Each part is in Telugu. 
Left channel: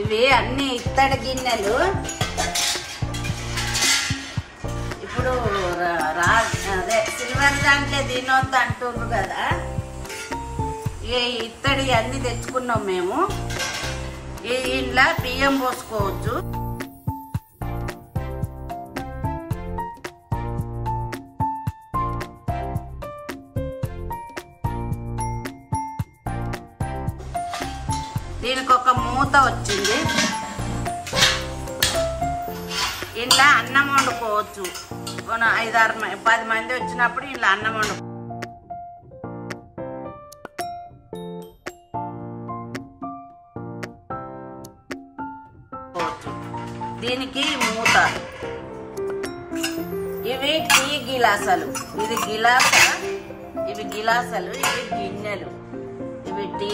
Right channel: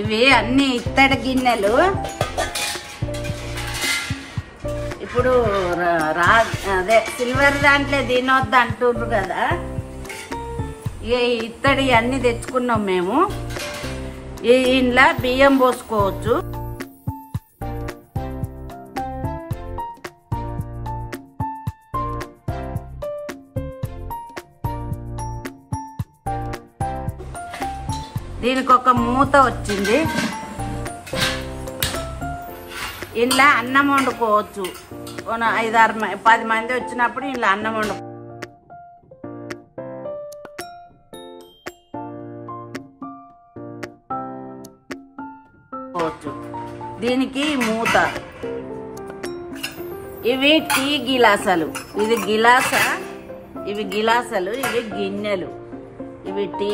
ఇవి అన్ని ఇత్తడి గిన్నెలు. ఇప్పుడు అదే సిల్వర్ దాంట్లో తినొద్దు అంటుండ్రు కదా, ఇత్తడి అన్ని తెచ్చుకున్నాం మేము. ఇంట్లో బియ్యం పోసుకోవచ్చు. దీనికి ఒక మూత వచ్చింది. ఇంట్లో అన్నం వండుకోవచ్చు. 5-10 మంది వచ్చినప్పుడు ఇంట్లో అన్నం వండుకోవచ్చు. దీనికి మూత. ఇవి టీ గిలాసాలు. ఇది గిలాస, ఇవి గిలాసాలు, ఇవి గిన్నెలు, ఇవి టీ.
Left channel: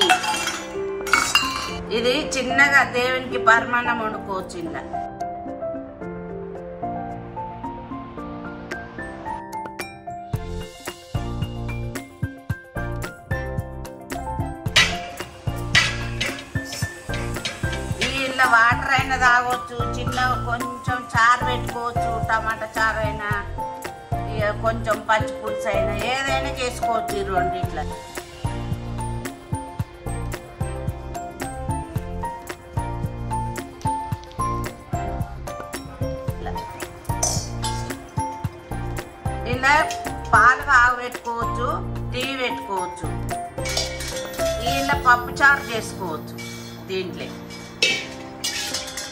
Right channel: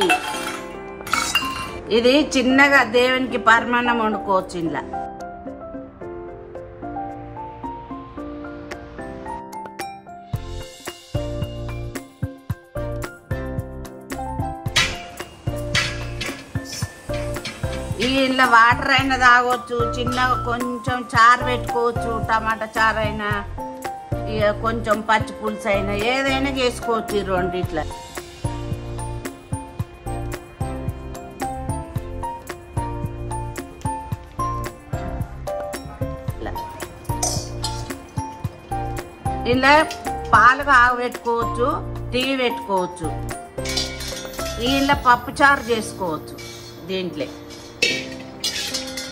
ఇది చిన్నగా దేవునికి పరమాన్నం వండుకోవచ్చు ఇంట్లో. ఇంట్లో వాటర్ అయినా తాగొచ్చు. చిన్నగా కొంచెం చారు పెట్టుకోవచ్చు. టమాటా చారు అయినా, ఇక కొంచెం పచ్చి పులుసు అయినా ఏదైనా చేసుకోవచ్చు. ఈ రెండిట్లా ఇలా పాలు కాగబెట్టుకోవచ్చు, టీ పెట్టుకోవచ్చు. ఇలా పప్పు చారు చేసుకోవచ్చు.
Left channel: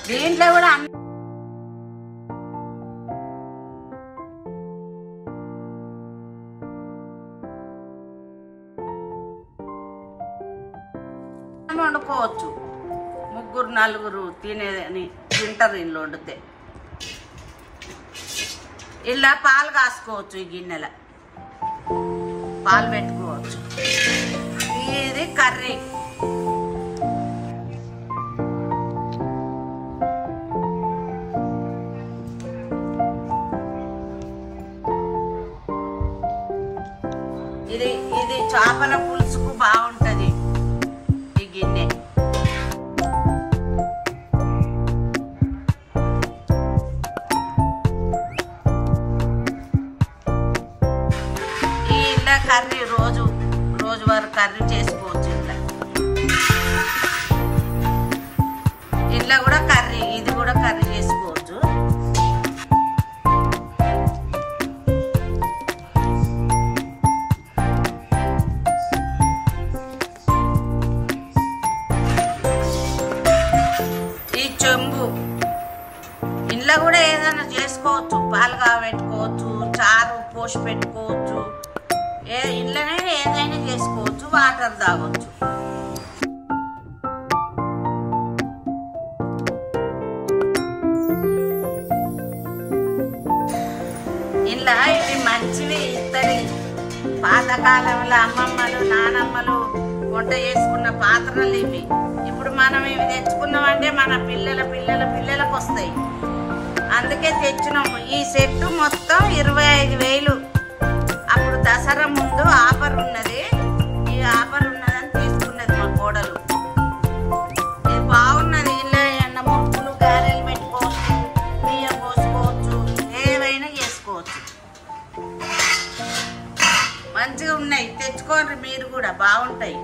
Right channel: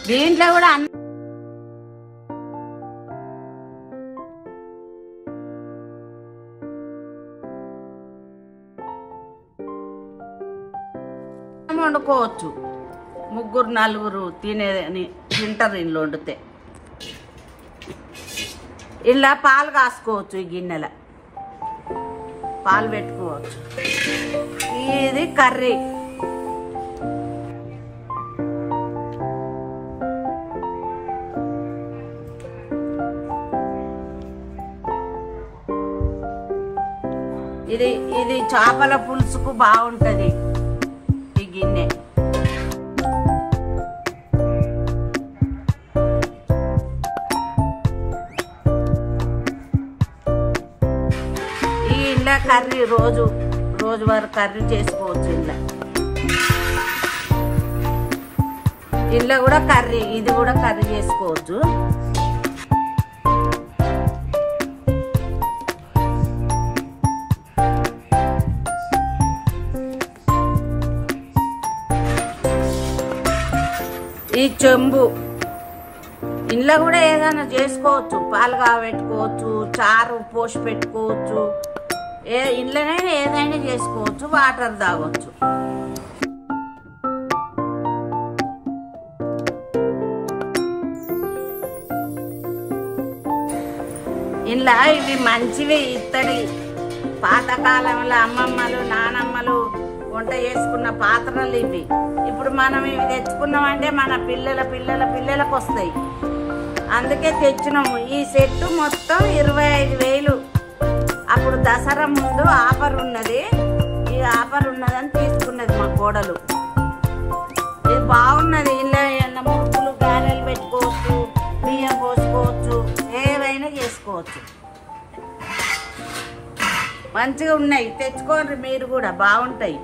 దీంట్లో కూడా అన్నం వండుకోవచ్చు. 3-4 తినేదని తింటారు ఇంట్లో వండితే. ఇలా పాలు కాసుకోవచ్చు. ఈ గిన్నెల పాలు పెట్టుకోవచ్చు. ఇది కర్రీ. ఇది చేపల పులుసుకు బాగుంటది ఈ గిన్నె. ఇలా కర్రీ రోజువారీ కర్రీ చేసుకోవచ్చు. ఇలా కూడా కర్రీ, ఇది కూడా కర్రీ చేసుకోవచ్చు. ఈ చెంబు ఇంట్లో కూడా ఏదైనా చేసుకోవచ్చు. పాలు కాగబెట్టుకోవచ్చు, చారు పోసి పెట్టుకోవచ్చు. ఇంట్లోనే ఏదైనా చేసుకోవచ్చు. వాటర్ తాగొచ్చు. ఇంట్లో ఇవి మంచివి. ఇత్తడి పాతకాలంలో అమ్మమ్మలు నానమ్మలు వంట చేసుకున్న పాత్రలు ఇవి. ఇప్పుడు మనం ఇవి తెచ్చుకున్నామంటే మన పిల్లలకు వస్తాయి. అందుకే తెచ్చినాము. ఈ సెట్టు మొత్తం 25,000. అప్పుడు దసరా ముందు ఆఫర్ ఉన్నది. ఈ ఆఫర్ ఉన్నదని తీసుకున్నది మా కోడలు. ఇది బాగున్నది. ఇలా ఎన్న ముక్కులు గారెలు పెట్టుకోవచ్చు, బియ్యం పోసుకోవచ్చు, ఏవైనా చేసుకోవచ్చు. మంచిగా ఉన్నాయి. తెచ్చుకోండి మీరు కూడా, బాగుంటాయి.